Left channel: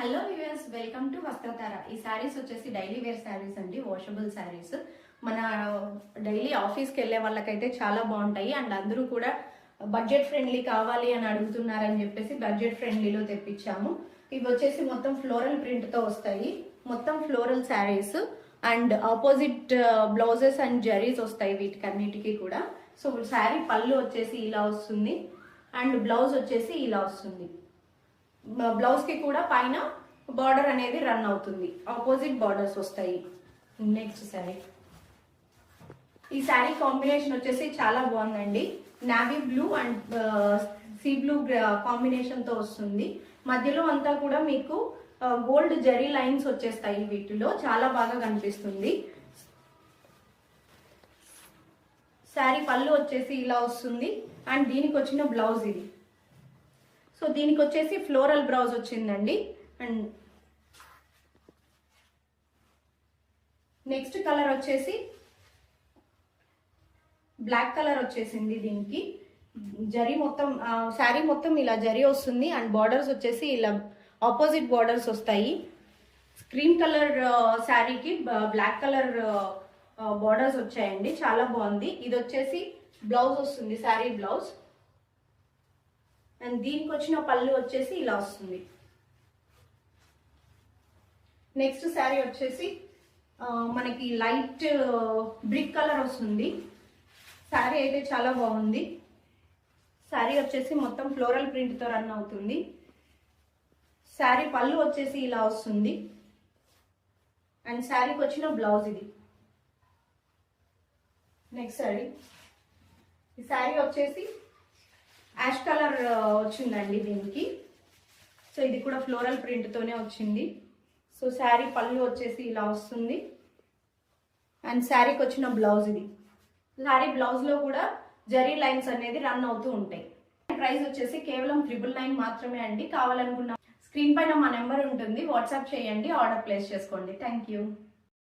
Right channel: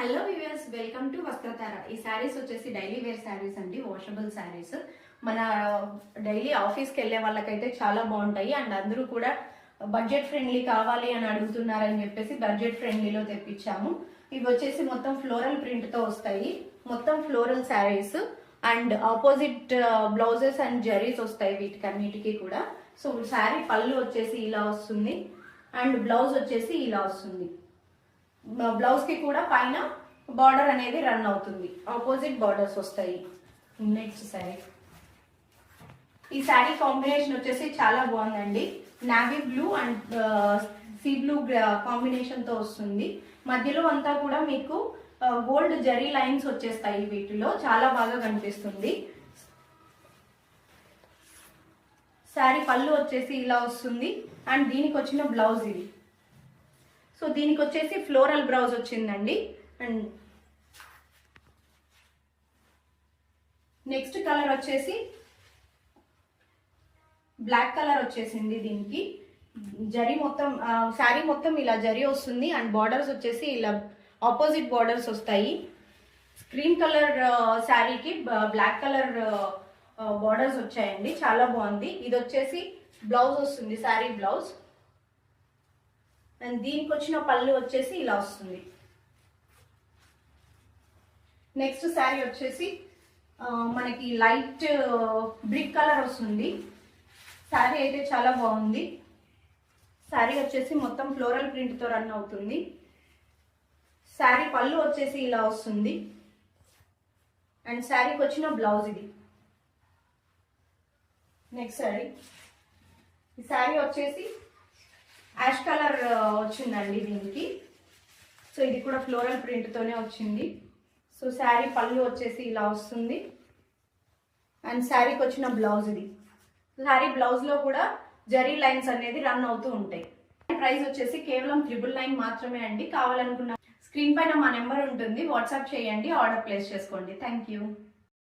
Hello viewers, welcome to Vastrathara. ఈ శారీస్ వచ్చేసి daily wear saris అండి, వాషబుల్ శారీస్. మన డైలీ ఆఫీస్కి వెళ్ళే వాళ్ళకైతే చాలా బాగుంటాయి. అండ్ అందరూ కూడా బడ్జెట్ ఫ్రెండ్లీ కావాలి అని అడుగుతున్నారని చెప్పేసి బడ్జెట్ ఫ్రెండ్లీలో తెప్పించాము. ఇవి వచ్చేసి మొత్తం ఫ్లోరల్ ప్రింట్ తో వస్తాయి. మొత్తం floral saris and opposite blouses and zaris వస్తాయి వీటికన్నిటికీ కూడా. సో శారీ పళ్ళు వచ్చేసి ఇలా వస్తుంది అండ్ బ్లౌజ్ వచ్చేసి ఇలా వస్తుంది. బ్లౌజ్ కి కూడా పైన బార్డర్ అనేది రన్ అవుతుంది, ఆపోజిట్ బార్డర్స్ వస్తాయి. నెక్స్ట్ శారీ, ఈ శారీ కాంబినేషన్ వచ్చేసి చాలా బాగుందండి. Navy blue and sea blue combination తో వస్తుంది. మధ్యలో అంతా కూడా మీకు గోల్డ్ జరీ లైన్స్ వచ్చేస్తాయి. వీటిలో చాలా బాగా కనిపిస్తుంది. శారీ పళ్ళు వచ్చేసి ఇలా వస్తుంది అండ్ దీనికి వచ్చిన బ్లౌజ్ ఇది. సో దీనికి వచ్చేసి ఫ్లోరల్ బ్లౌజ్ వచ్చిందండి. అండ్ నెక్స్ట్ కలర్ వచ్చేసి బ్లాక్ కలర్ వచ్చేసింది. దీనికి జరీ మొత్తం శారీ మొత్తం ఇలా జరీ వస్తుంది అండ్ బార్డర్స్ వచ్చేసి ఇలా ఆపోజిట్ బార్డర్స్ వస్తాయి. స్క్రీన్ కలర్ శారీకి బ్లాక్ కలర్ బార్డర్స్ వచ్చాయండి, చాలా బాగుంది. ఇది వచ్చేసి బ్లౌజ్ వస్తుంది, శారీ బ్లౌజ్. అండ్ దీనికి వచ్చిన పళ్ళు వచ్చేసి ఇలా వస్తుంది. నెక్స్ట్ శారీ వచ్చేసి మనకి లైట్ బ్రిక్ కలర్ వస్తుంది. శారీ అయితే చాలా బాగుంది. శారీ వచ్చేసి మొత్తం ఫ్లోరల్ ప్రింట్ తో రన్ అవుతుంది. శారీ పళ్ళు వచ్చేసి ఇలా వస్తుంది అండ్ శారీకి వచ్చిన బ్లౌజ్ ఇది. నెక్స్ట్ శారీ, ఈ శారీ వచ్చేసి యాష్ కలర్ వచ్చిందండి దీనికి. సో ఇది కూడా ఫ్లోరల్ ప్రింట్ తోనే వచ్చింది. సో శారీ పళ్ళు వచ్చేసి ఇలా వస్తుంది అండ్ శారీకి వచ్చిన బ్లౌజ్ ఇది. శారీ బ్లౌజ్ లో కూడా జరీ లైన్స్ అనేది రన్ అవుతూ ఉంటాయి. ప్రైస్ వచ్చేసి కేవలం 999 మాత్రమే అండి. కావాలనుకున్న స్క్రీన్ పైన మా నెంబర్ ఉంటుంది, వాట్సాప్ చేయండి, ఆర్డర్ ప్లేస్ చేసుకోండి. Thank you.